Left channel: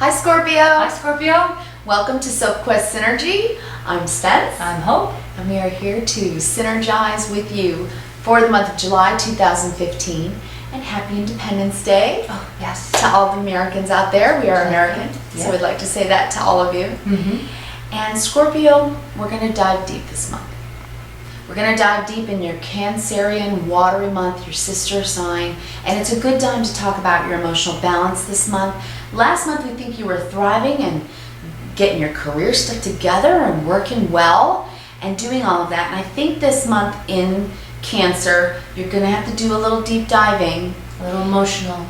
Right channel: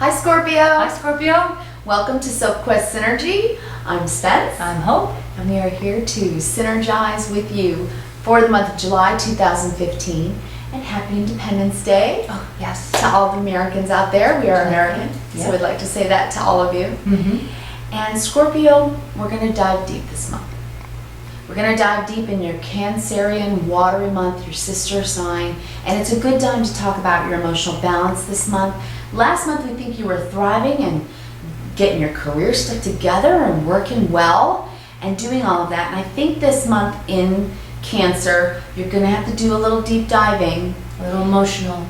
Hi Scorpio! Hi Scorpio! Welcome to Sophquest Synergy. I'm Spence. I'm Hope. And we are here to synergize with you for the month of July 2015. And happy Independence Day. Oh, yes. To all the Americans out there. We are American, yeah. so we'd like to say that to all of you. And Scorpio, we're going to dive deep this month. We're going to dive deep in your Cancerian watery month, your sister sign, and it's a good time to talk about your emotional balance this month. Last month we think you were thriving and getting your career stuff together and working well and doing all of that. And I think this month in Cancer, you're going to have to do a little deep diving. A little emotional.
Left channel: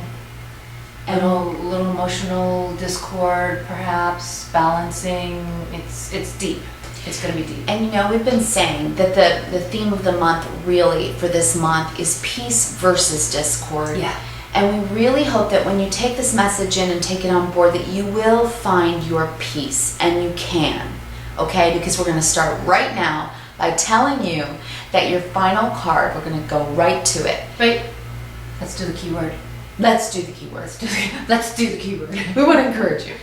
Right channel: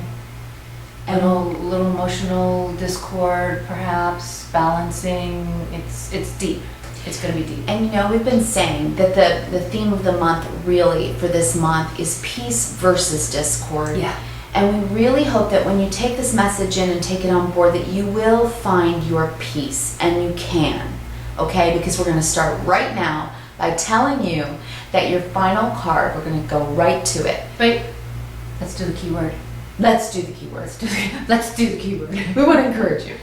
And a little emotional discord, perhaps, balancing. It's deep. It's going to be deep. And you know, we've been saying that the theme of the month really for this month is peace versus discord. Yeah. And we really hope that when you take this message in and take it on board that you will find your peace, and you can, okay? Because we're going to start right now by telling you that your final card, we're going to go right to it. Wait, let's do the keyword. Let's do the keyword. Let's do the keyword. We want to encourage you.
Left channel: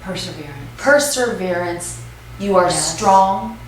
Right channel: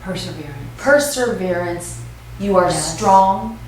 Perseverance. Perseverance. You are strong,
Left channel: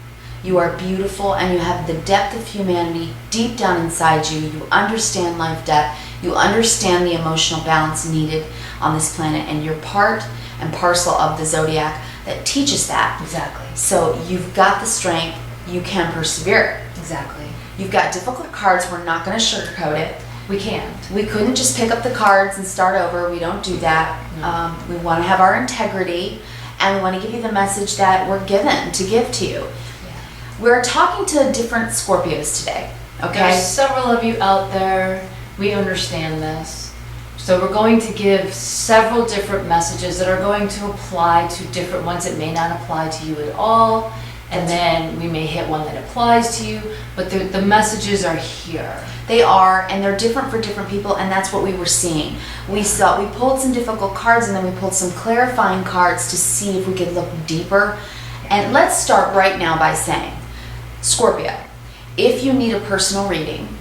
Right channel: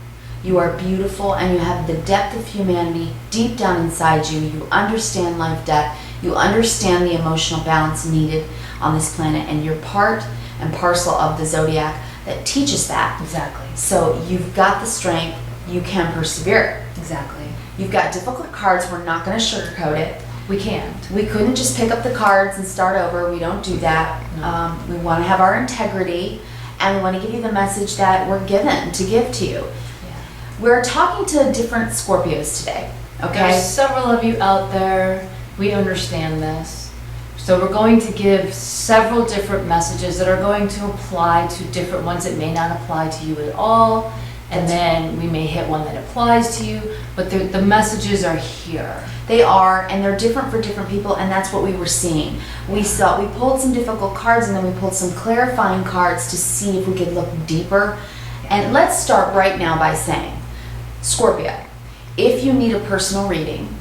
you are beautiful, and you have the depth of humanity deep down inside you. You understand life, death. You understand the emotional balance needed on this planet, and you're part and parcel of the zodiac that teaches that. Exactly. So you've got the strength. You can persevere. Exactly. You've got difficult cards. We're not going to sugarcoat it. We can't. We couldn't just pick up the cards and start over. We don't do that. No. We want to have our integrity. And we want to give you the message that we're given to give to you. Yeah. We're talking to different Scorpios today, okay? There's several of you out there. We understand this. So we're going to give several different messages that are going to apply to different ones that may not apply to you at all. And then we may hit one that applies to you, but the messages are here. They are, and they're different for different people, and that's what we were seeing. We pulled some difficult cards, and then we pulled some clarifying cards to see if we could look deeper. And let's start right now by saying, Scorpio, if you need a personal reading,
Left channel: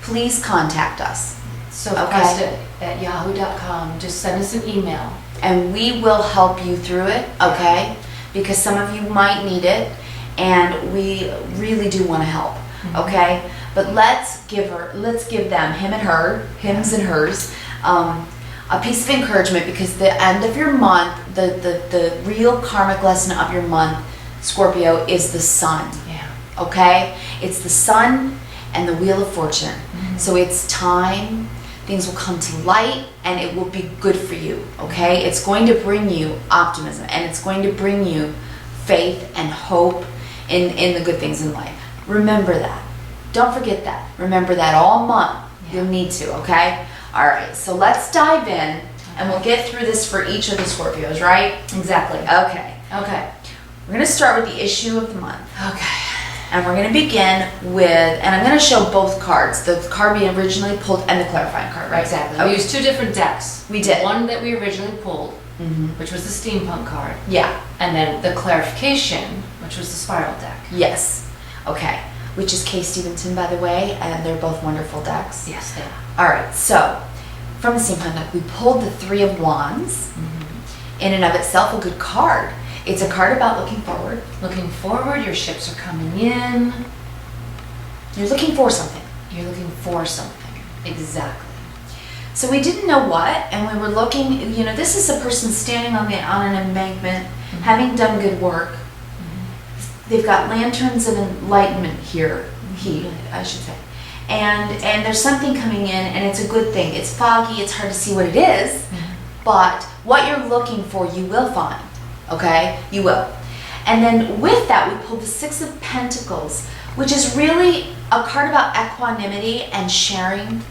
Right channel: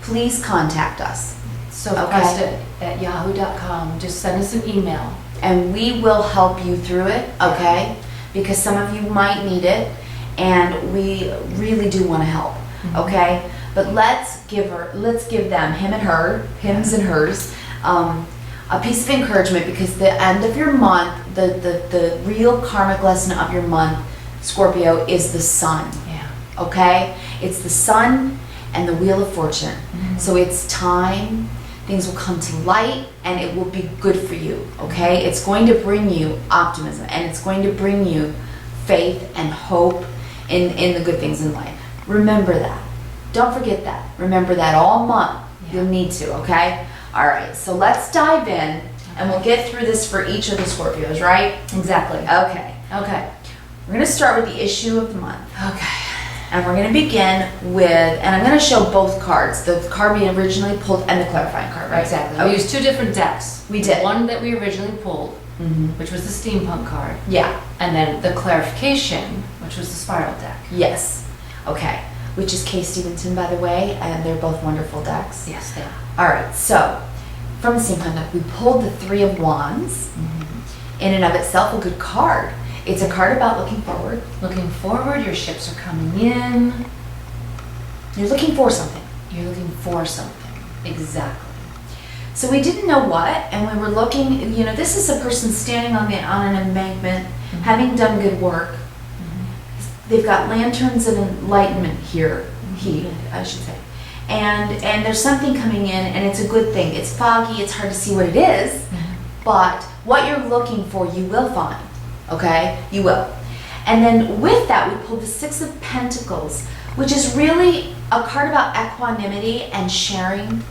please contact us. Sophquest at yahoo.com. Just send us an email. And we will help you through it, okay? Because some of you might need it, and we really do want to help, okay? But let's give them, him and her, hims and hers, a piece of encouragement, because the end of your month, the real karmic lesson of your month, Scorpio, is the sun. Yeah. Okay? It's the sun and the wheel of fortune. So it's time. Things will come to light, and it will be good for you, okay? It's going to bring you optimism, and it's going to bring you faith and hope in the good things in life. Remember that. Don't forget that. Remember that all month. You'll need to, okay? All right, so let's dive in, and we'll get through this for each of the Scorpios, right? Exactly. Okay. Okay. We're going to start with the issue of the month. Okay. And we're going to begin with, and I'm going to show both cards, the card we originally pulled and the clarifying card, right? Exactly. Okay. We used two different decks. We did. One that we originally pulled, which was the steampunk card. Yeah. And then the clarification, which was the spiral deck. Yes. Okay. Which is Kay Stevenson, by the way, and they're both wonderful decks. Yes, they are. All right. So, from the steampunk deck, we pulled the Three of Wands. In and of itself, a good card. It's a card about looking forward. Looking forward, your ships are coming in. You're looking for something. You're looking for something. Exactly. So we didn't know what, and we were looking, you know, this is a person standing on an embankment, having done good work. They've got lanterns of enlightenment here, I should say. And there's something coming in, and it's a good thing. It's foggy, it's hard to see what it is, but what you're looking for, you will find. Okay? You will. And then with that, we pulled the Six of Pentacles, which is really a card about equanimity and sharing.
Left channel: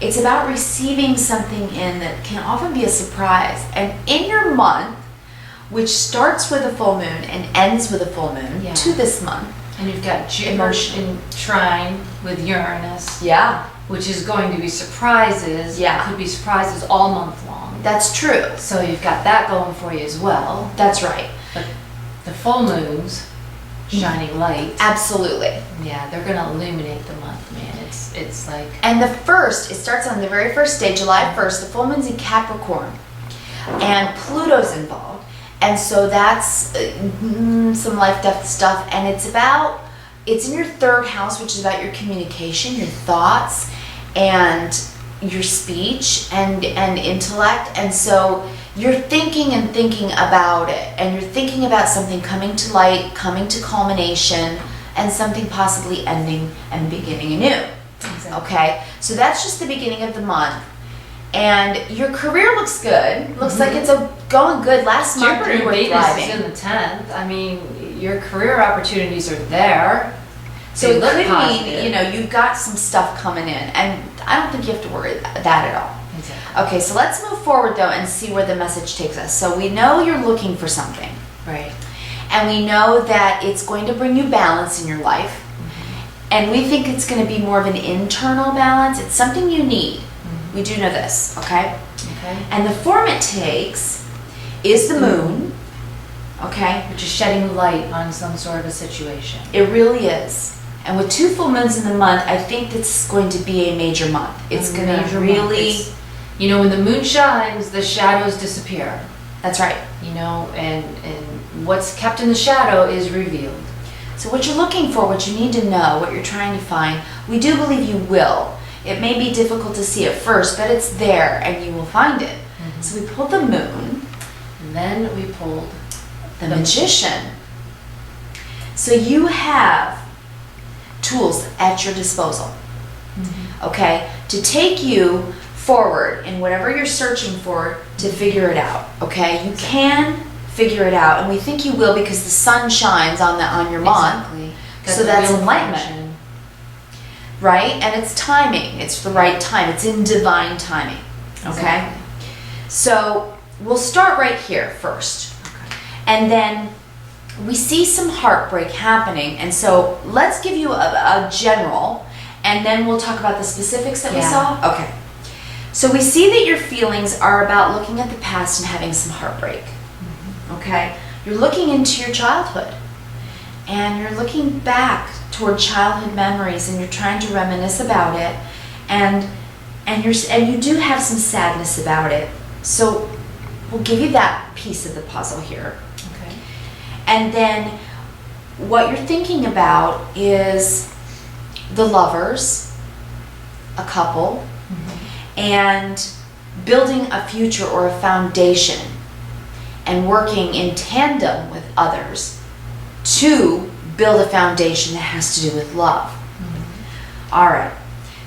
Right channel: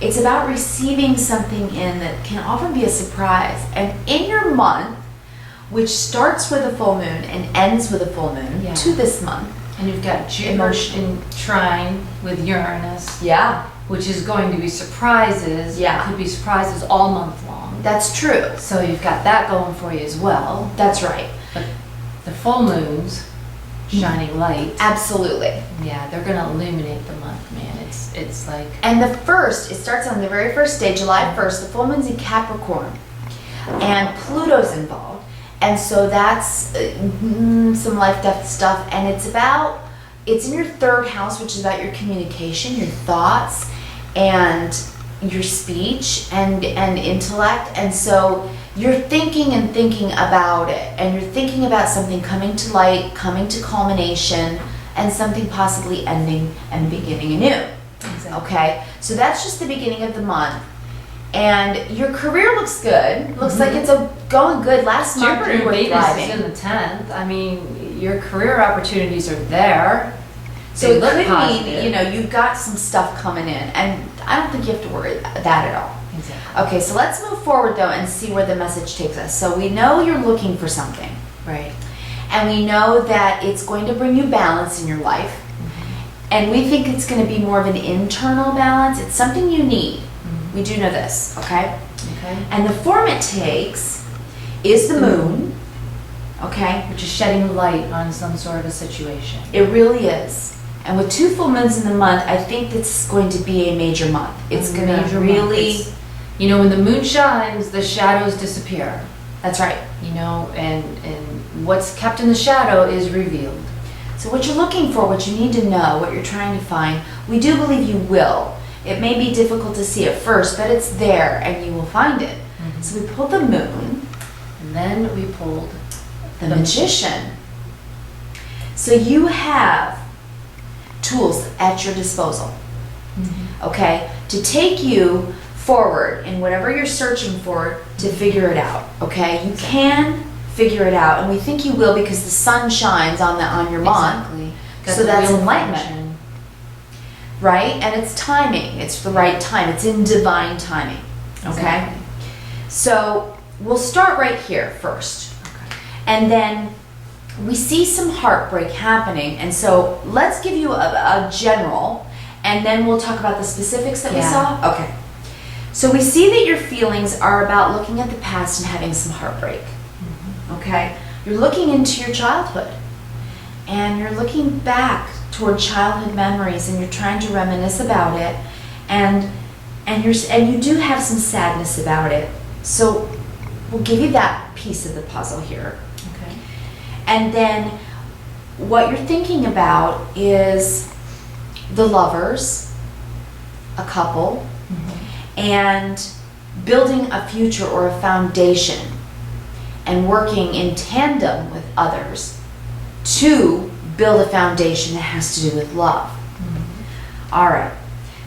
It's about receiving something in that can often be a surprise. And in your month, which starts with a full moon and ends with a full moon, to this month. And you've got Jupiter in trine with Uranus. Yeah. Which is going to be surprises. Yeah. Could be surprises all month long. That's true. So you've got that going for you as well. That's right. But the full moons, shining light. Absolutely. Yeah, they're going to illuminate the month, man. It's like... And the first, it starts on the very first day, July 1st. The full moon's in Capricorn. and Pluto's involved. And so that's some life, death stuff. And it's in your third house, which is about your communication, your thoughts, and your speech and intellect. And so you're thinking and thinking about it, and you're thinking about something coming to light, coming to culmination, and something possibly ending and beginning anew. Exactly. Okay, so that's just the beginning of the month. And your career looks good. Looks like it's going good. Last month Jupiter you were Venus thriving. is in the 10th. I mean, your career opportunities are there. So They it look could positive. mean, you've got some stuff coming in, and I don't think you have to worry that at all. Exactly. Okay, so let's move forward though and see where the message takes us. So we know you're looking for something, Right. and we know that it's going to bring you balance in your life, and we think it's going to be more of an internal balance. It's something you need. We do know this, okay? Okay. And the form it takes is the moon, okay? Which is shedding light on some sort of a situation. It really is. And with 2 full moons in the month, I think this is going to be a major month. It's going to really... When the moon shines, the shadows disappear. That's right. And what's kept in the shadow is revealed. So what you're looking for, what you need to know, what you're trying to find, we do believe you will. It may be difficult to see at first, but it's there and you will find it. So we pulled the moon. And then we pulled The magician. So you have tools at your disposal, okay, to take you forward in whatever you're searching for to figure it out, okay? You can figure it out, and we think you will because the sun shines on your month. Exactly. So that's real enlightenment. function. Right? And it's timing. It's the right time. It's in divine timing. Okay? Exactly. So we'll start right here first. Okay. And then we see some heartbreak happening. And so let's give you a general, and then we'll talk about the specifics that we saw. Okay. So we see that your feelings are about looking at the past and having some heartbreak. Okay? You're looking into your childhood, and you're looking back toward childhood memories, and you're trying to reminisce about it, and you do have some sadness about it. So we'll give you that piece of the puzzle here. Okay. And then what you're thinking about is the lovers, a couple, and building a future or a foundation, and working in tandem with others to build a foundation that has to do with love. All right.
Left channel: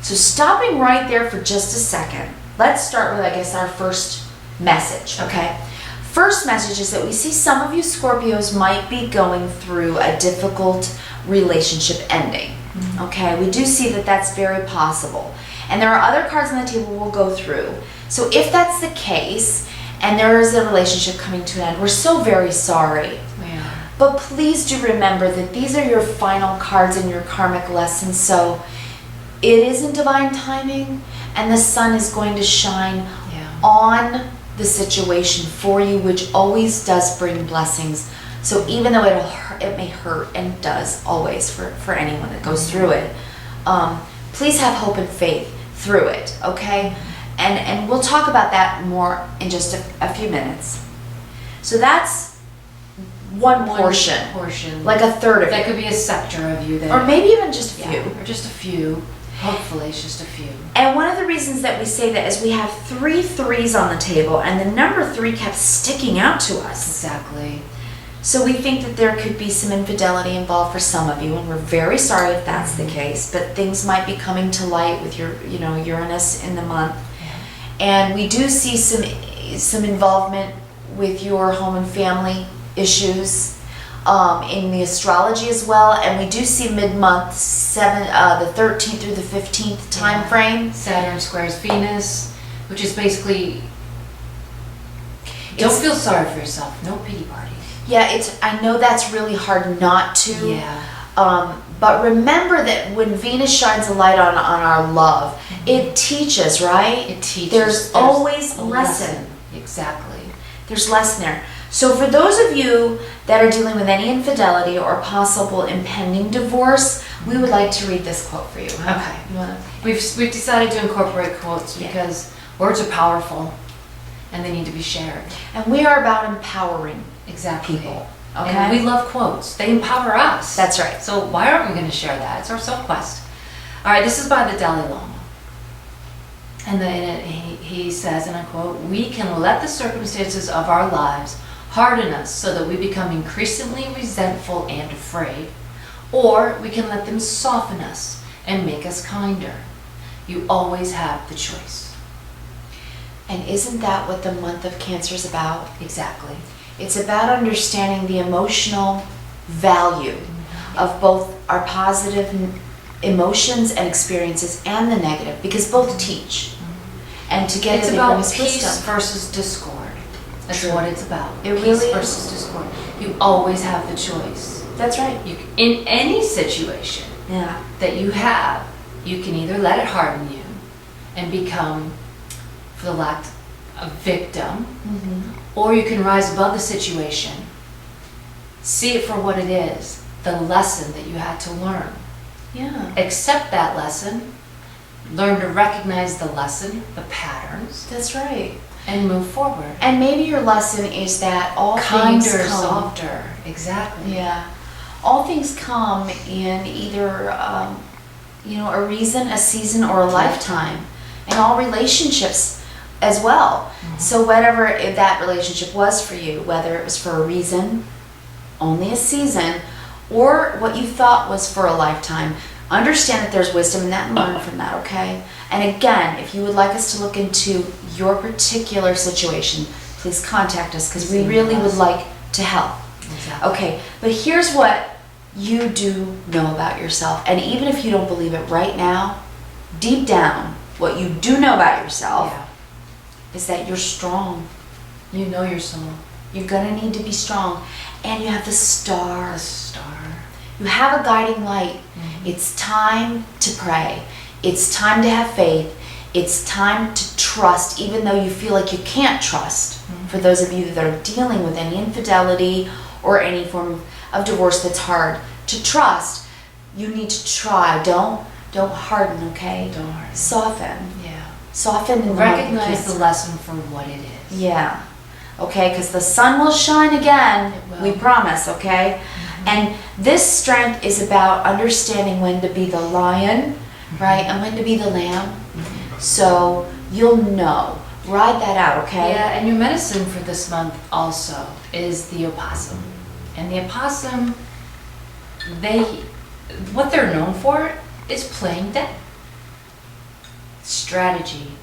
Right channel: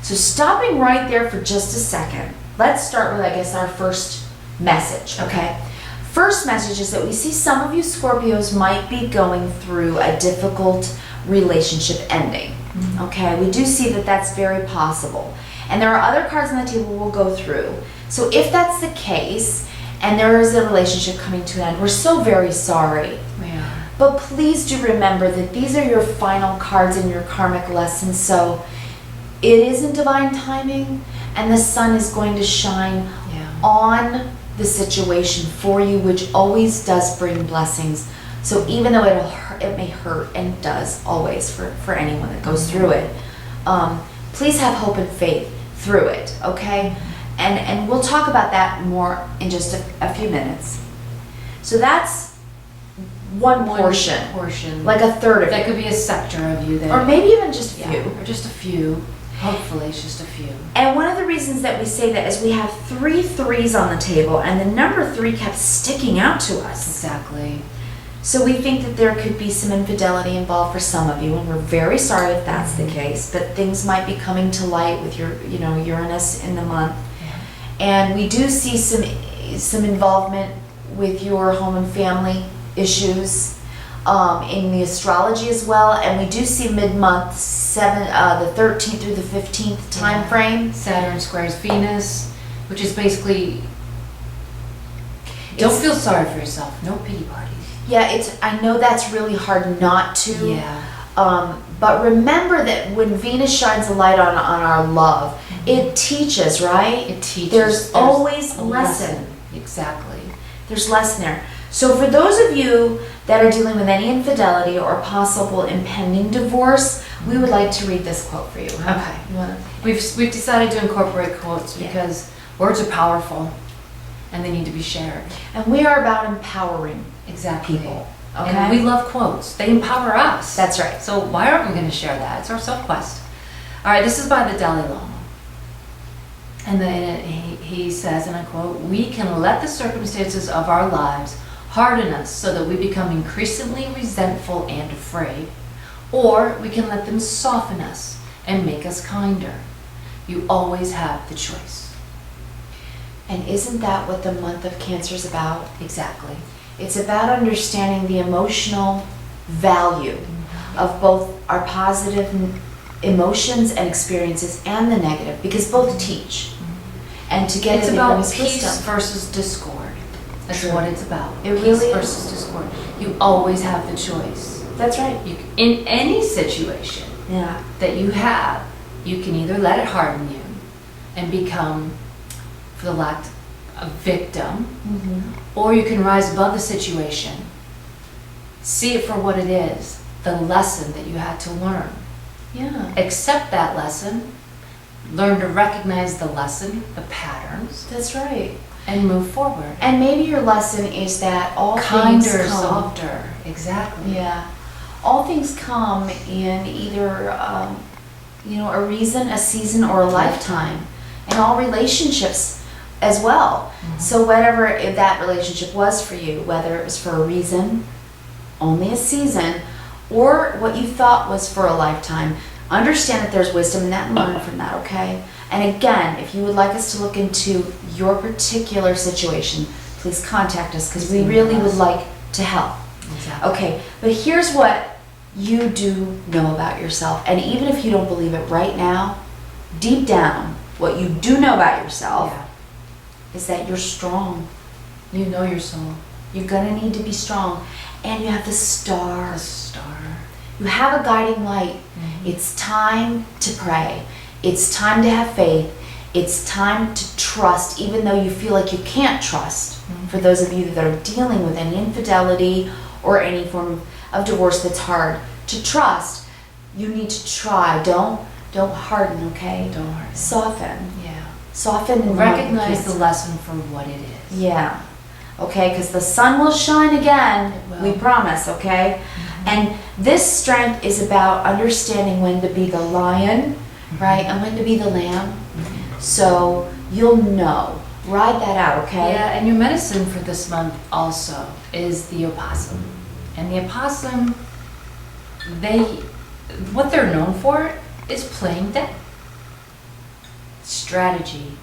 So stopping right there for just a second, let's start with, I guess, our first message, okay? First message is that we see some of you Scorpios might be going through a difficult relationship ending, okay? We do see that that's very possible. And there are other cards on the table we'll go through. So if that's the case, and there is a relationship coming to an end, we're so very sorry. We are. But please do remember that these are your final cards in your karmic lesson. So it is in divine timing, and the sun is going to shine on the situation for you, which always does bring blessings. So even though it may hurt, and it does always for anyone that goes through it, please have hope and faith through it, okay? And we'll talk about that more in just a few minutes. So that's one portion, like a third of that it. could be a sector of you, Or maybe even just a few. or just a few. Hopefully, it's just a few. And one of the reasons that we say that is we have 3 threes on the table, and the number 3 kept sticking out to us. Exactly. So we think that there could be some infidelity involved for some of you, and we're very sorry if that's the case, but things might be coming to light with your, Uranus in the month. And we do see some involvement with your home and family issues in the astrology as well, and we do see mid-month the 13th through the 15th time frame. Saturn squares Venus, which is basically don't feel sorry for yourself. No pity parties. Yeah, I know that's really hard not to. Yeah. But remember that when Venus shines a light on our love, it teaches, right? It teaches. There's always a lesson. Exactly. There's lesson there. So for those of you that are dealing with any infidelity or possible impending divorce, we would like to read this quote for you. Huh? Okay. You wanna? We've decided to incorporate quotes because words are powerful. and they need to be shared. And we are about empowering Exactly. people. Okay. And we love quotes. They empower us. That's right. So why aren't we going to share that? It's our Sophquest. All right, this is by the Dalai Lama. And then he says, and I quote, "We can let the circumstances of our lives harden us so that we become increasingly resentful and afraid, or we can let them soften us and make us kinder. You always have the choice." And isn't that what the month of Cancer is about? Exactly. It's about understanding the emotional value of both our positive emotions and experiences and the negative, because both teach. And together It's they about bring us peace wisdom. versus discord. That's True. what it's about. It Peace really is. versus discord. You always have the choice. That's right. In any situation Yeah. that you have, you can either let it harden you and become, for the lack of a victim, or you can rise above the situation, see it for what it is, the lesson that you had to learn. Yeah. Accept that lesson, learn to recognize the lesson, the patterns, That's right. and move forward. And maybe your lesson is that all Kinder, things come. softer. Exactly. Yeah. All things come in either, a reason, a season, or a lifetime. And all relationships as well. So whatever that relationship was for you, whether it was for a reason, only a season, or what you thought was for a lifetime, understand that there's wisdom in that and learn from that, okay? And again, if you would like us to look into your particular situation, please contact us, because we really would like to help. Exactly. Okay, but here's what you do know about yourself. And even if you don't believe it right now, deep down, what you do know about yourself Yeah. is that you're strong. You know your soul. You're gonna need to be strong. And you have the star. The star. You have a guiding light. It's time to pray. It's time to have faith. It's time to trust, even though you feel like you can't trust. For those of you that are dealing with any infidelity or any form of divorce that's hard to trust, you need to try. Don't harden, okay? Don't harden. Soften. Yeah. Soften and Recognize the lesson for what it is. Yeah. Okay, because the sun will shine again. It will. We promise, okay? And this strength is about understanding when to be the lion, right? And when to be the lamb. So you'll know. Ride that out, okay? Yeah, and your medicine for this month also is the opossum. And the opossum, what they're known for is playing dead. Strategy.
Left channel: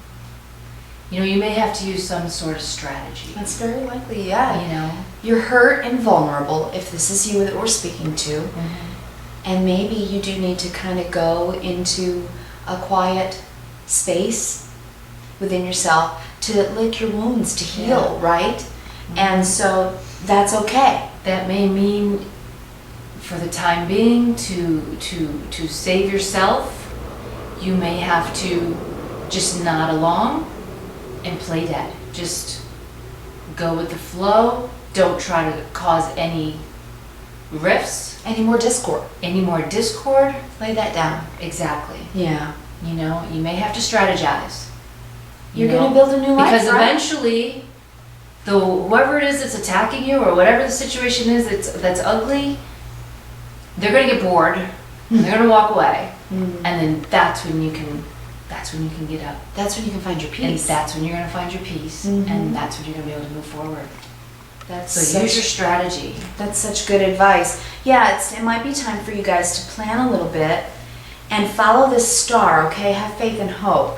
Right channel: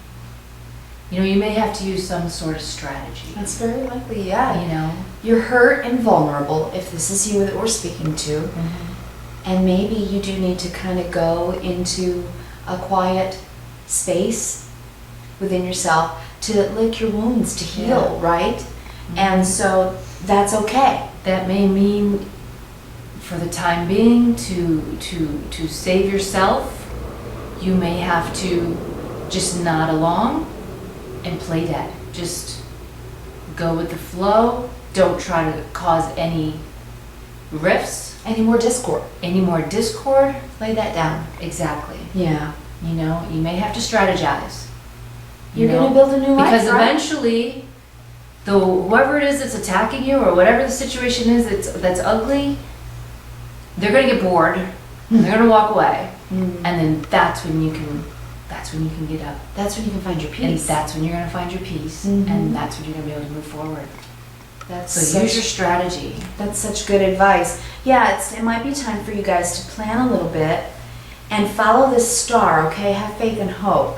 You may have to use some sort of strategy. That's very likely, yeah. You're hurt and vulnerable, if this is you that we're speaking to. And maybe you do need to kind of go into a quiet space within yourself to lick your wounds, to heal, right? And so that's okay. That may mean, for the time being, to save yourself, you may have to just nod along and play dead. Just go with the flow. Don't try to cause any rifts, Any more discord? any more discord. Lay that down. Exactly. Yeah. You may have to strategize. You're going to build a new life, because right? eventually, whoever it is that's attacking you, or whatever the situation is that's ugly, they're going to get bored. And they're going to walk away, and then that's when you can get up. That's when you can find your And peace. that's when you're going to find your peace, and that's when you're going to be able to move forward. So Use your strategy. That's such good advice. Yeah, it might be time for you guys to plan a little bit and follow this star, okay? Have faith and hope.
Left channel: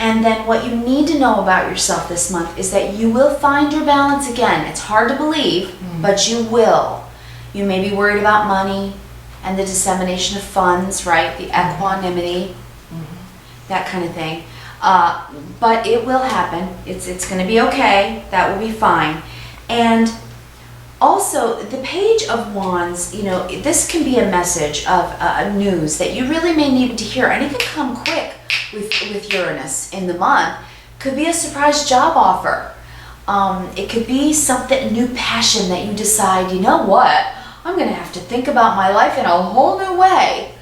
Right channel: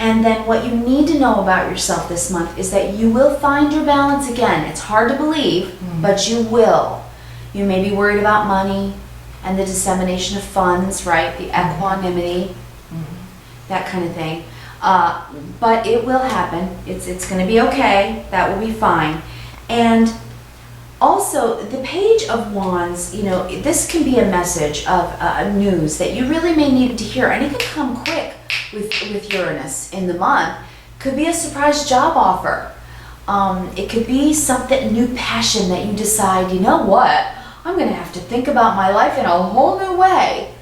And then what you need to know about yourself this month is that you will find your balance again. It's hard to believe, but you will. You may be worried about money and the dissemination of funds, right? The equanimity, that kind of thing. But it will happen. It's going to be okay. That will be fine. And also, the Page of Wands, this can be a message of news that you really may need to hear. And it can come quick with Uranus in the month. Could be a surprise job offer. It could be something, new passion that you decide, you know what? I'm going to have to think about my life in a whole new way.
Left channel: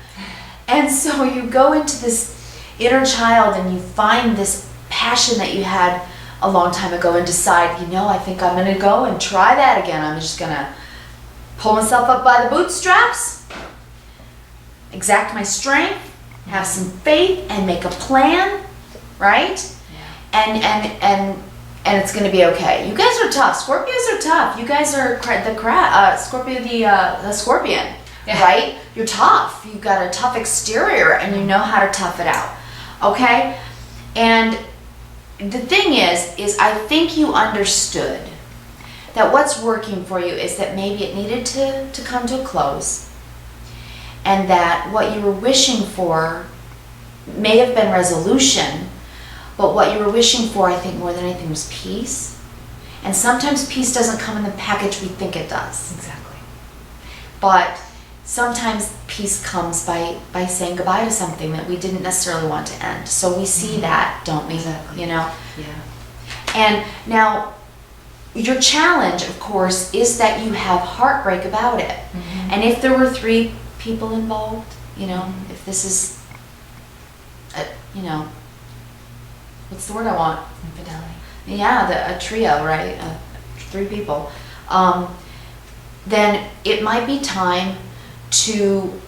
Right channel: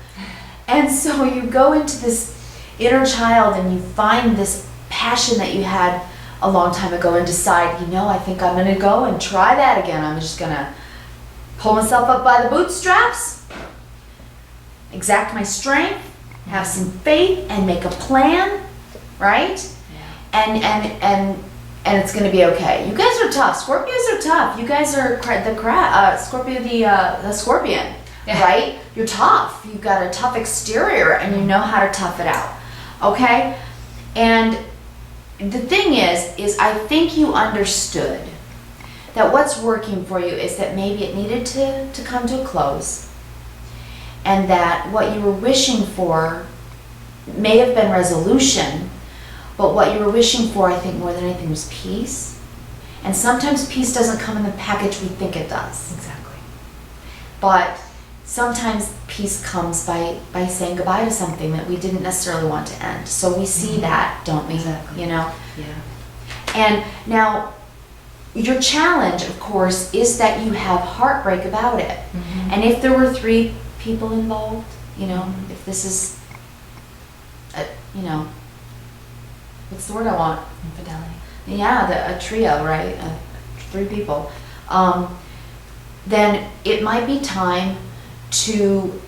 And so you go into this inner child and you find this passion that you had a long time ago and decide, you know, I think I'm gonna go and try that again. I'm just gonna pull myself up by the bootstraps, exact my strength, have some faith, and make a plan, right? Yeah. And it's gonna be okay. You guys are tough. Scorpios are tough. You guys are Scorpio, the scorpion, Yeah. right? You're tough. You've got a tough exterior, and you know how to tough it out, okay? And the thing is I think you understood that what's working for you is that maybe it needed to come to a close, and that what you were wishing for may have been resolution, but what you were wishing for, I think more than anything, was peace. And sometimes peace doesn't come in the package we think it does. Exactly. But sometimes peace comes by saying goodbye to something that we didn't necessarily want to end. So we see that, don't we? Exactly. You know? Yeah. And now, your challenge, of course, is that you have heartbreak about it. Mm-hmm. And if there were 3 people involved, you know, if this is, you know, what's the word I want? Infidelity. Yeah, a trio, right? 3 people. Then it might be time to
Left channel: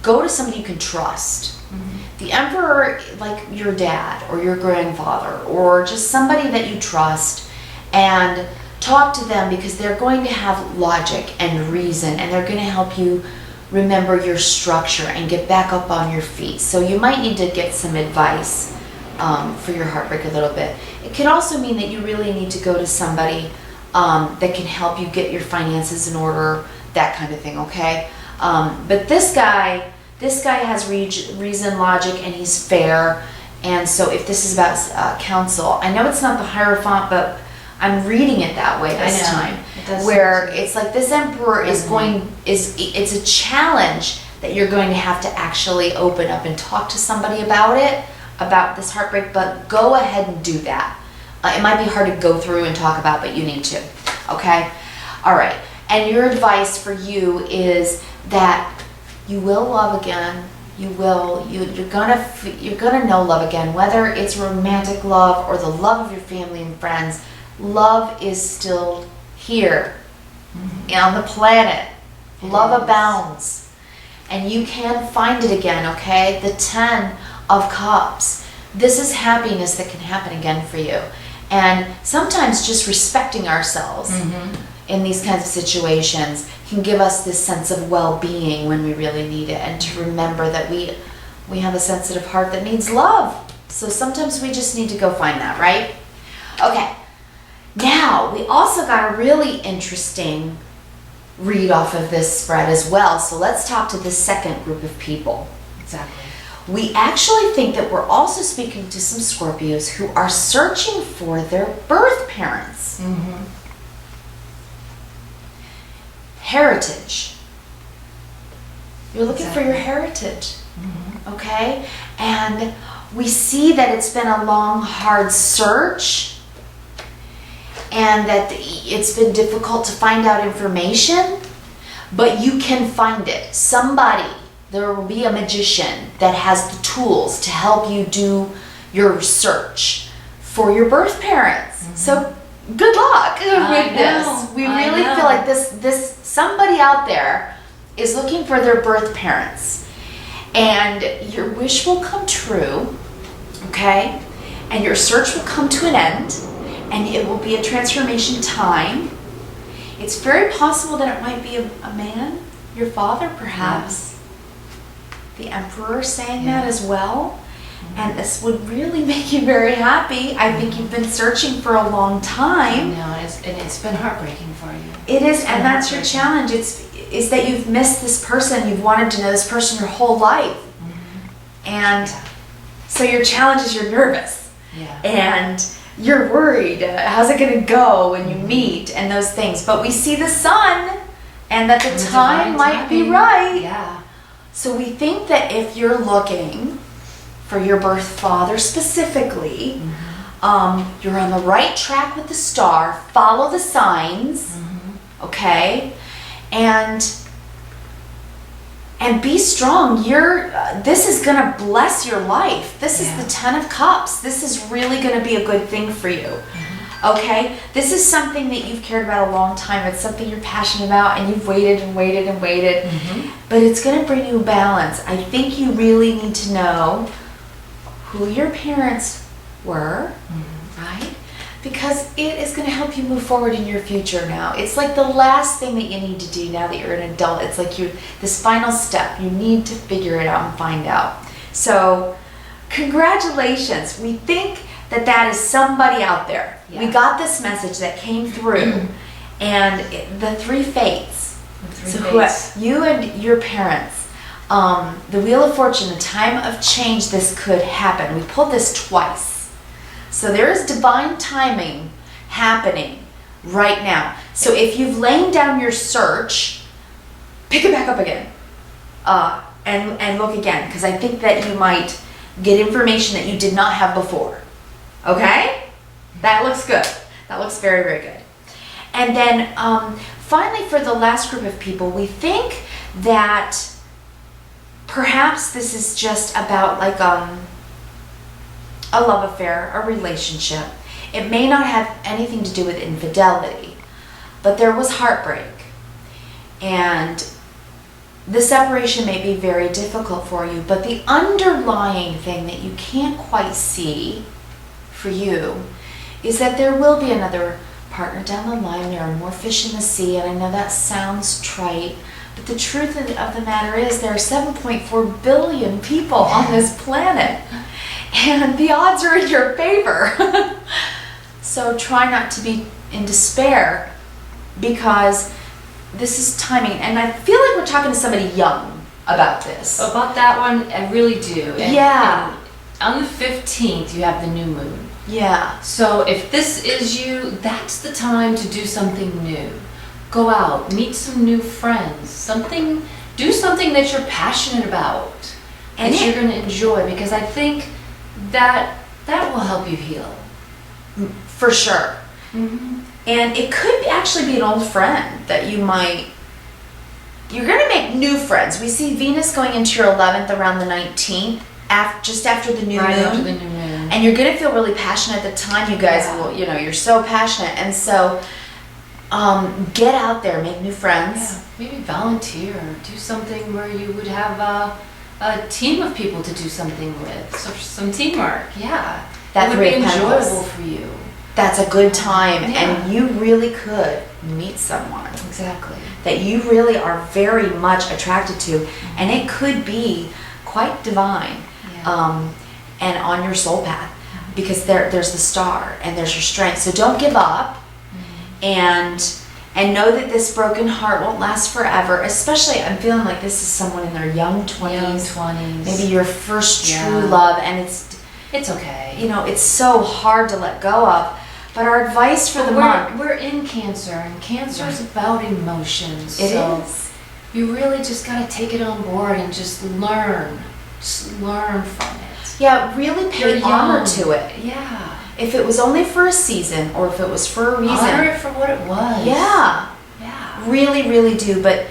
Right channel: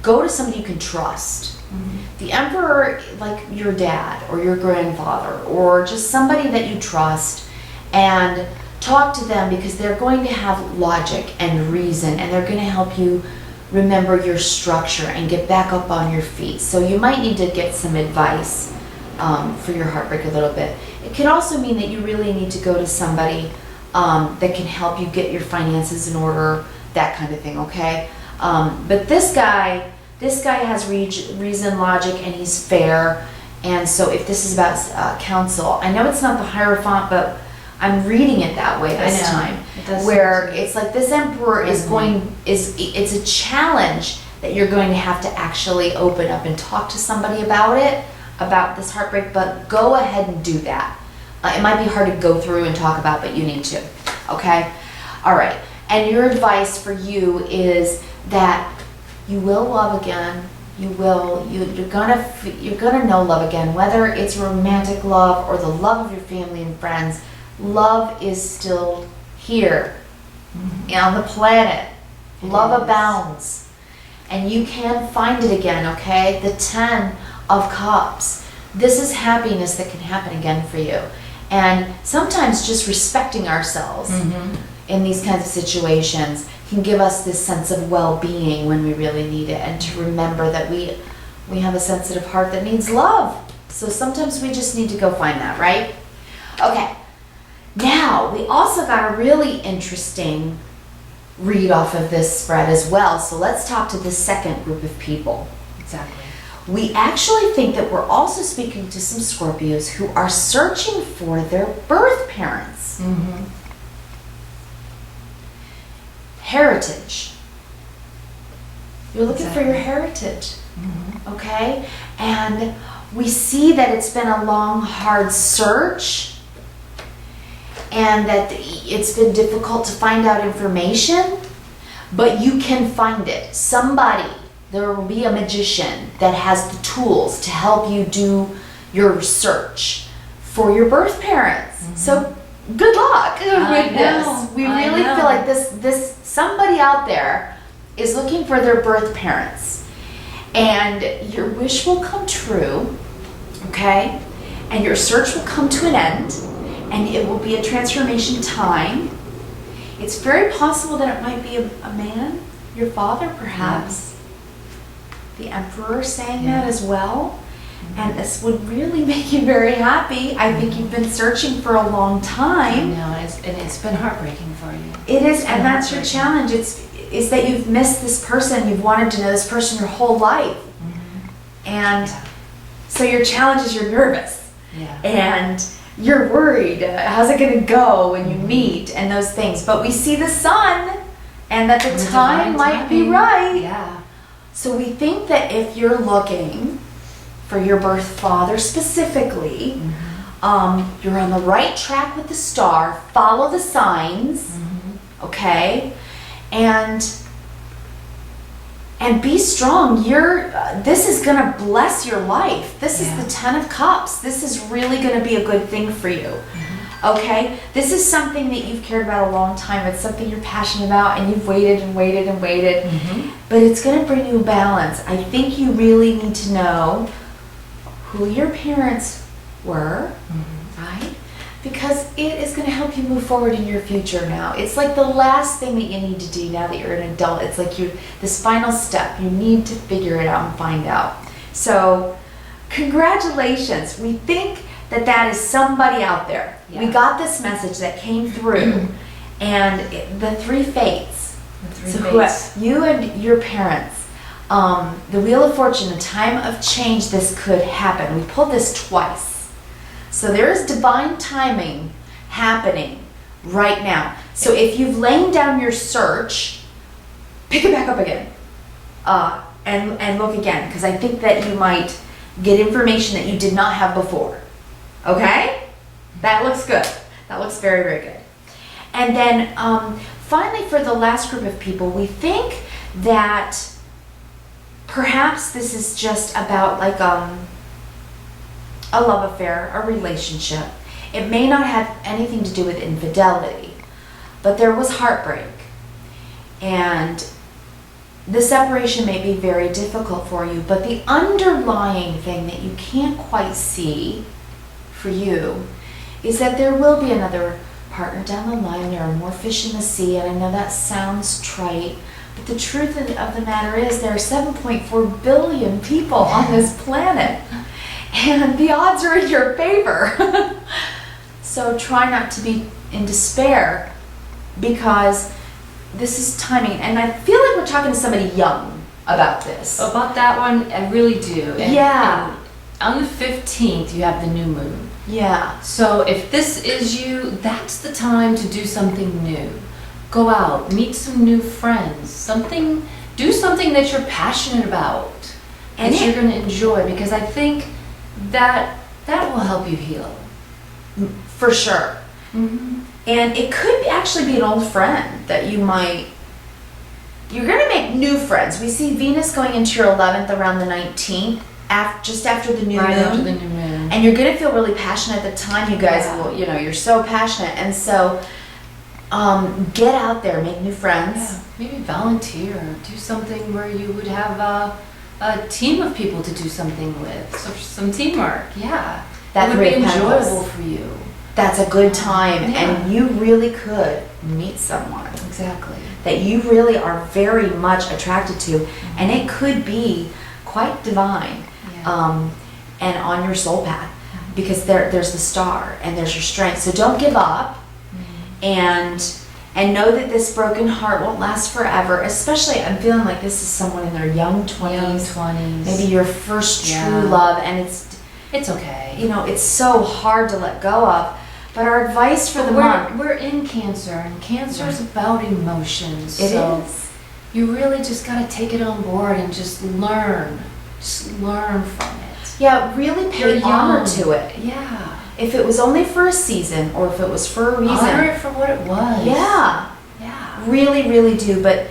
go to somebody you can trust. Mm-hmm. The emperor, like your dad or your grandfather, or just somebody that you trust, and talk to them, because they're going to have logic and reason, and they're going to help you remember your structure and get back up on your feet. So you might need to get some advice for your heartbreak a little bit. It could also mean that you really need to go to somebody that can help you get your finances in order, that kind of thing, okay? But this guy has reason, logic, and he's fair. And so if this is about counsel, I know it's not the Hierophant, but I'm reading it that way this time. It does where seem to it's like this emperor it's a challenge that you're going to have to actually open up and talk to somebody about this heartbreak, but go ahead and do that. It might be hard to go through and talk about, but you need to, okay? All right, and your advice for you is that you will love again. You're gonna know love again, whether it's romantic love or the love of your family and friends. Love is still here on the planet. Love abounds, and you can find it again, okay? The 10 of Cups. This is happiness that can happen again for you. And sometimes just respecting ourselves in these kinds of situations can give us this sense of well-being when we really need it, and to remember that we have a sensitive heart that needs love. So sometimes we just need to go find that, right? Okay. Now, we also got a really interesting read off of this spread as well. So let's talk to the second group of people. Exactly. We actually think that we're also speaking to some Scorpios who are searching for their birth parents. Mm-hmm. Heritage. You're looking for Exactly. your heritage, Mm-hmm. okay? And we see that it's been a long, hard search, and that it's been difficult to find out information, but you can find it. There will be a magician that has the tools to help you do your search for your birth parents. Mm-hmm. So good luck with I this. know, We I really know. feel like this somebody out there is looking for their birth parents, and your wish will come true, okay? And your search will come to an end, and it will be a transformation time. It's very possible that it might be a man, your father perhaps. The emperor saying that as well. And this would really make you very happy. I think you've been searching for a long I time. know, and it's been heartbreaking for you. It is, It's and been that's your heartbreaking. challenge. Is that you've missed this person. You've wanted to know this person your whole life. And Yeah. so your challenge is you're nervous. Yeah. And you're worried. How's it going to go when you meet and those things? But we see the sun, and that the And the time divine might be timing. right. Yeah. So we think that if you're looking for your birth father specifically, you're on the right track with the star. Follow the signs, okay? And And be strong. This is going to bless your life. This is the 10 of Cups. This is really going to be a good thing for you. Okay? This is something that you've cared about a long time. It's something you're passionate about, and you've waited and waited and waited. But it's going to bring you balance. I think you really need to know who your parents were, right? Because it is going to help you move forward in your future now. It's like the last thing that you need to do now that you're an adult. It's like this final step. You need to figure it out and find out. So, congratulations. We think that is somebody out there. Yeah. We got this message that came through. And the 3 fates. You and your parents. The Wheel of Fortune, a time of change, this could happen. We pulled this twice. So there is divine timing happening right now. So if you've laid down your search, pick it back up again and look again, because I think that you might get information that you did not have before. Okay? That looks good. That looks very, very good. And then finally, for the last group of people, we think that perhaps this is just about like a love affair, a relationship. It may not have anything to do with infidelity, but there was heartbreak. And the separation may be very difficult for you, but the underlying thing that you can't quite see for you is that there will be another partner down the line. There are more fish in the sea, and I know that sounds trite, but the truth of the matter is there are 7.4 billion people on this planet. And the odds are in your favor. So try not to be in despair, because this is timing. And I feel like we're talking to somebody young about this. About that one, I really do. And on the 15th, you have the new moon. Yeah. So if this is you, that's the time to do something new. Go out, meet some new friends, do something that you're passionate about, and that you're going to enjoy, because I think that will help you heal. For sure. And it could actually be an old friend that you're going to make new friends. We see Venus going into your 11th around the 19th, just after the new moon. After the new moon. And you're going to feel really passionate at the time. You guys will, you're so passionate. And so get out there, make new friends. Yeah. Maybe volunteer, do something where you would have a team of people to do something with, so some teamwork. Yeah, that would be enjoyable for you. That's a good time, and you really could meet someone exactly that you really are very much attracted to, and it could be quite divine, and on your soul path, because there's the star and there's your strength. So don't give up, and know that this broken heart won't last forever. Especially, I'm feeling like this is someone in their young 20s. Maybe your first true love, and it's okay. It's so hard to let go of. But our advice for the month... We're in Cancer, and Cancer is about emotions. It is. You really just got to take it on board and just learn. Just learn from it. Yeah, really pay honor to it. Yeah. If it was only for a season, or if it was for a reason. Honor it for what it was. Yeah. Yeah. Really, really do. But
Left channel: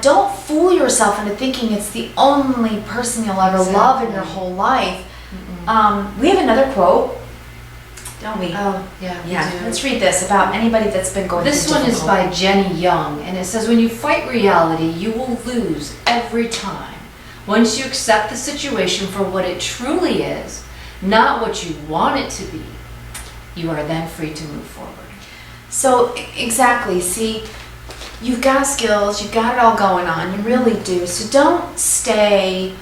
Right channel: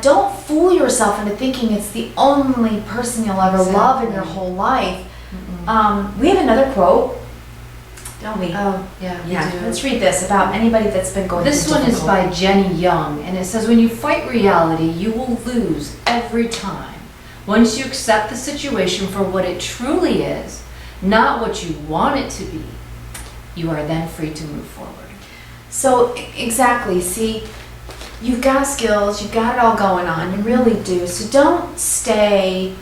don't fool yourself into thinking it's the only person you'll ever love in your whole life. We have another quote, don't we? Oh, yeah, we do. Let's read this about anybody that's been going through This one is by Jenny Young, and it says, when you fight reality, you will lose every time. Once you accept the situation for what it truly is, not what you want it to be, you are then free to move forward. So, exactly. See, you've got skills, you've got it all going on, you really do. So don't stay,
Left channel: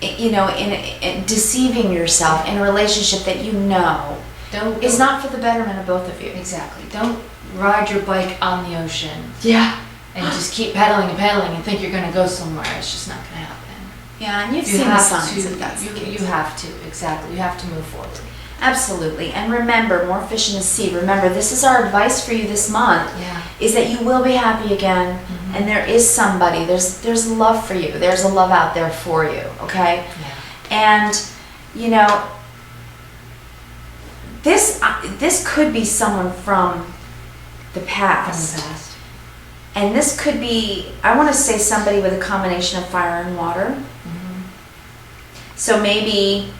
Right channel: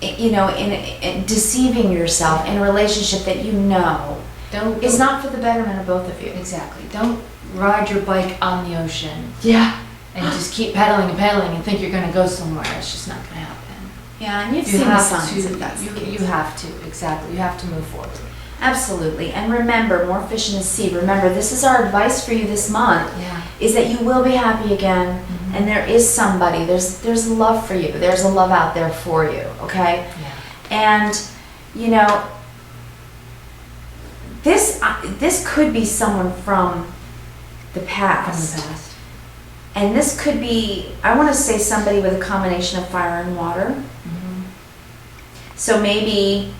in deceiving yourself in a relationship that is not for the betterment of both of you. Exactly. Don't ride your bike on the ocean. Yeah. And just keep pedaling and pedaling and think you're going to go somewhere. It's just not going to happen. Yeah, and you've seen the signs of that. You have to, exactly. You have to move forward. Absolutely. And remember, more fish in the sea. Remember, this is our advice for you this month, is that you will be happy again, and there is somebody, there's love for you. There's a love out there for you, okay? Yeah. And, this could be someone from the past. And this could be, I want to say somebody with a combination of fire and water. So maybe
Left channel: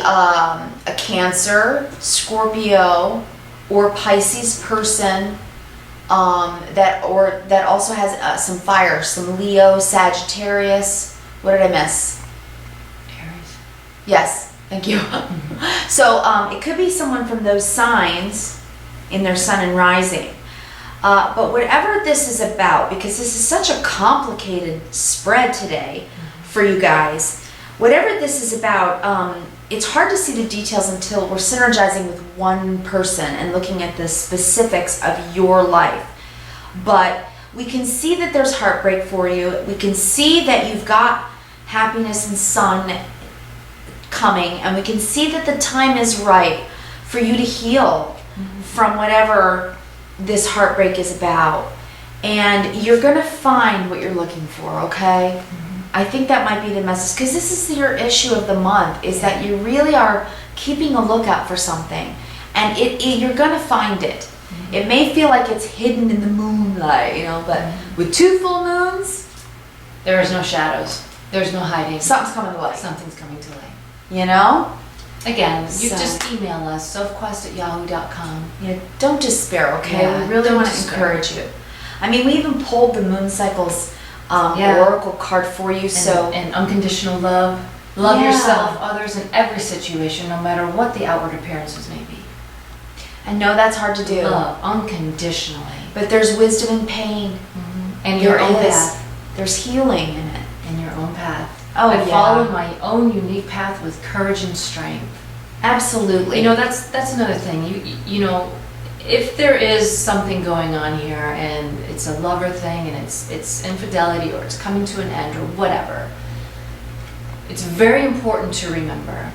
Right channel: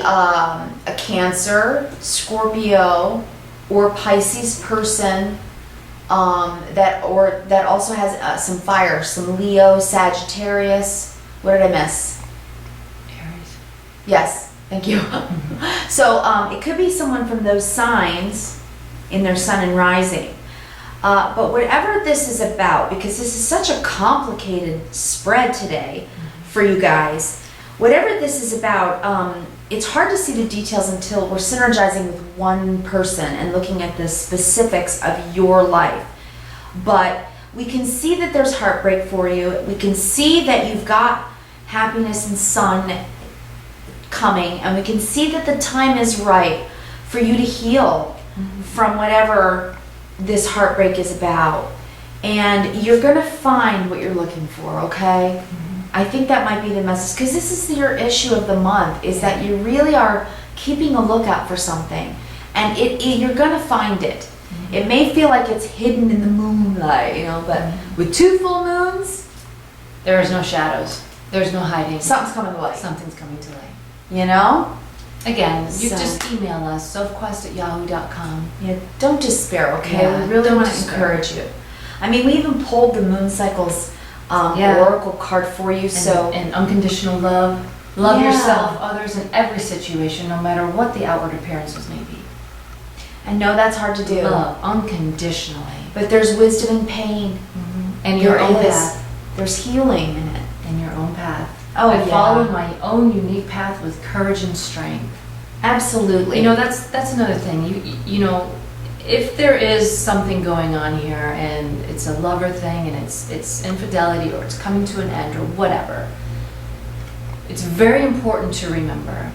a Cancer, Scorpio, or Pisces person that also has some fire, some Leo, Sagittarius. What did I miss? Aries. Yes, thank you. So it could be someone from those signs in their sun and rising. But whatever this is about, because this is such a complicated spread today for you guys, whatever this is about, it's hard to see the details until we're synergizing with one person and looking at the specifics of your life. But we can see that there's heartbreak for you. We can see that you've got happiness and sun coming, and we can see that the time is right for you to heal from whatever this heartbreak is about. And you're going to find what you're looking for, okay? I think that might be the message, because this is your issue of the month, is that you really are keeping a lookout for something, and you're gonna find it. It may feel like it's hidden in the moonlight, but with 2 full moons, there is no shadows. There's no hiding. Something's coming to light. Something's coming to light. Again, you just email us, sophquest@yahoo.com. Yeah, don't despair, okay? Yeah, we really don't want to despair. encourage you. I mean, we even pulled the moon cycles oracle card for you, and unconditional love. Love Yeah. yourself, others, in every situation, no matter what the outward appearances may be. I know that's hard to do. Love unconditionally. But there's wisdom in pain. And your own path. There's healing in it. And your own path. Oh, I yeah. followed my own unique path with courage and strength. Absolutely. That's another thing. If there is something going on here and it's a lover thing and it's infidelity or it's coming to an end or whatever, it's very important to remember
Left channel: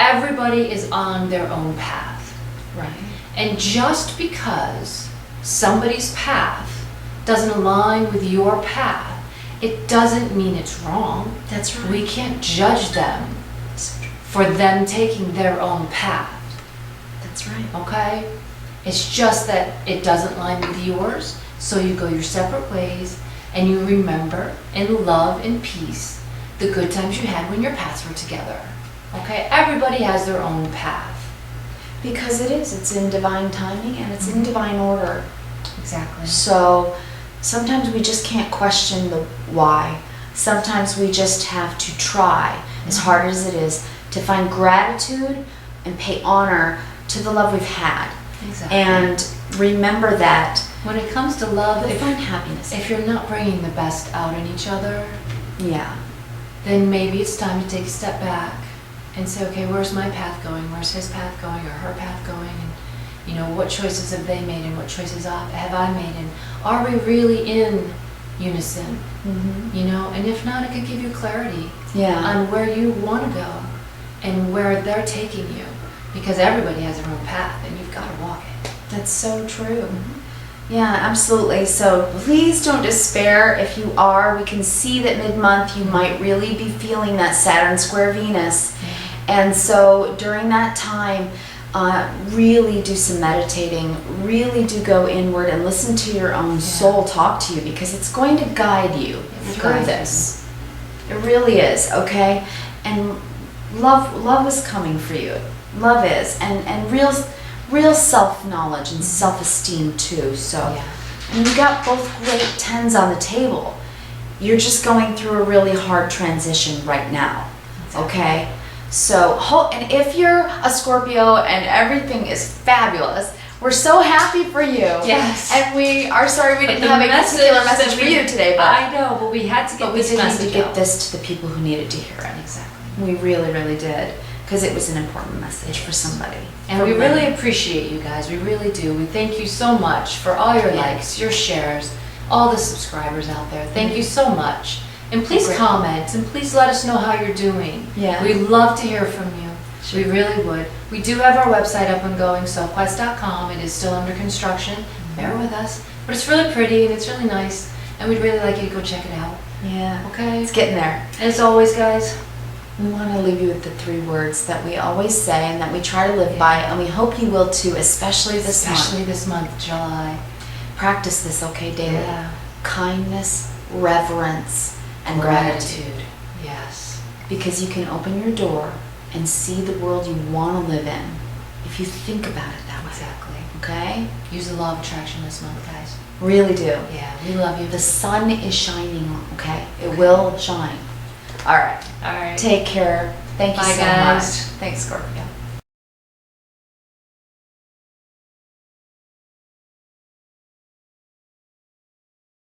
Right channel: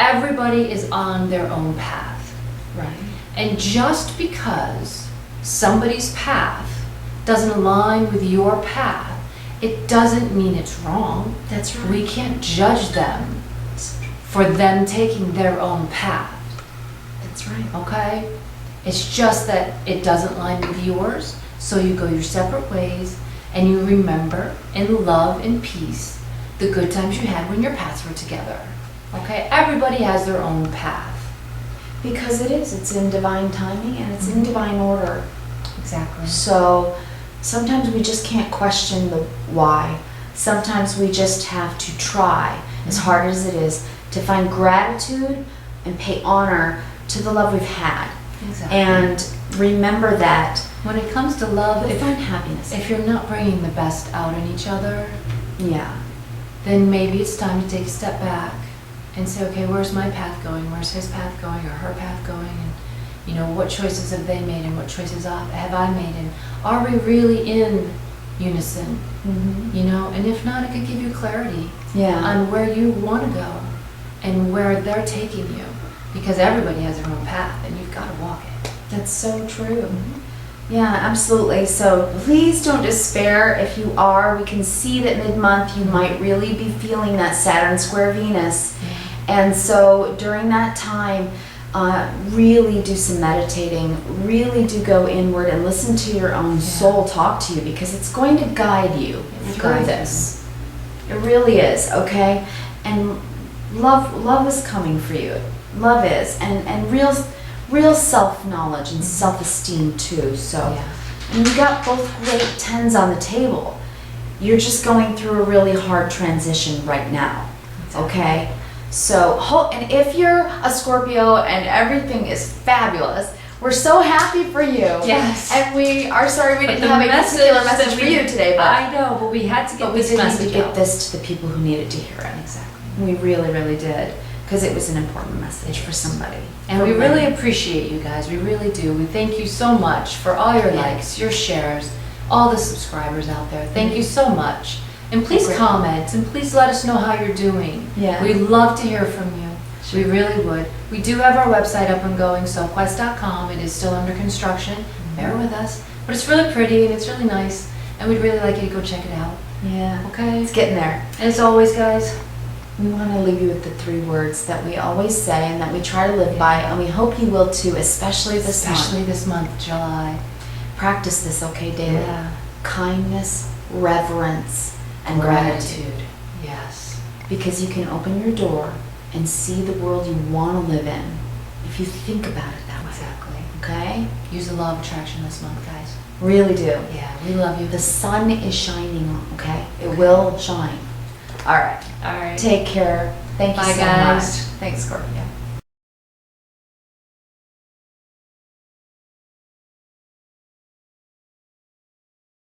everybody is on their own path. Right. And just because somebody's path doesn't align with your path, it doesn't mean it's wrong. That's right. We can't judge them for them taking their own path. That's right. Okay? It's just that it doesn't line with yours, so you go your separate ways, and you remember in love and peace the good times you had when your paths were together. Okay? Everybody has their own path. Because it's in divine timing and it's in divine order. Exactly. So sometimes we just can't question the why. Sometimes we just have to try, as hard as it is, to find gratitude and pay honor to the love we've had. Exactly. And remember that when it comes to love, you'll find happiness. If you're not bringing the best out in each other, then maybe it's time to take a step back and say, okay, where's my path going? Where's his path going or her path going? And what choices have they made and what choices have I made? And are we really in unison? And if not, it could give you clarity on where you want to go and where they're taking you. Because everybody has their own path and you've got to walk it. That's so true. Yeah, absolutely. So please don't despair. If you are, we can see that mid-month you might really be feeling that Saturn square Venus. And so during that time, really do some meditating, really do go inward and listen to your own soul talk to you, because it's going to guide you through this. It really is, okay? And love is coming for you. Love is, and real self-knowledge and self-esteem too. So, and you got both great 10s on the table. You're just going through a really hard transition right now, okay? So, and if you're a Scorpio and everything is fabulous, we're so happy for you. Yes. And we are sorry we didn't have a particular message for you today, but I know, but we had to get this message out. We did need to get this to the people who needed to hear it. Exactly. We really, really did. Because it was an important message for somebody. And we really appreciate you guys. We really do. We thank you so much for all your likes, your shares, all the subscribers out there. Thank you so much. And please comment and please let us know how you're doing. We'd love to hear from you. We really would. We do have our website up and going, sophquest.com. It is still under construction. Bear with us. But it's really pretty and it's really nice. And we'd really like you to go check it out. Yeah. Okay? It's getting there. And as always, guys, we want to leave you with the 3 words that we always say and that we try to live by, and we hope you will too, especially this month. Especially this month, July. Practice this, okay, daily. Yeah. Kindness, reverence, and gratitude. Yes. Because you can open your door and see the world you want to live in if you think about it that way. Exactly. Okay? Use the law of attraction this month, guys. Really do. Yeah, we love you. The sun is shining, okay? It will shine. All right. All right. Take care. Thank you Bye, so guys. much. Thanks, Scorpio.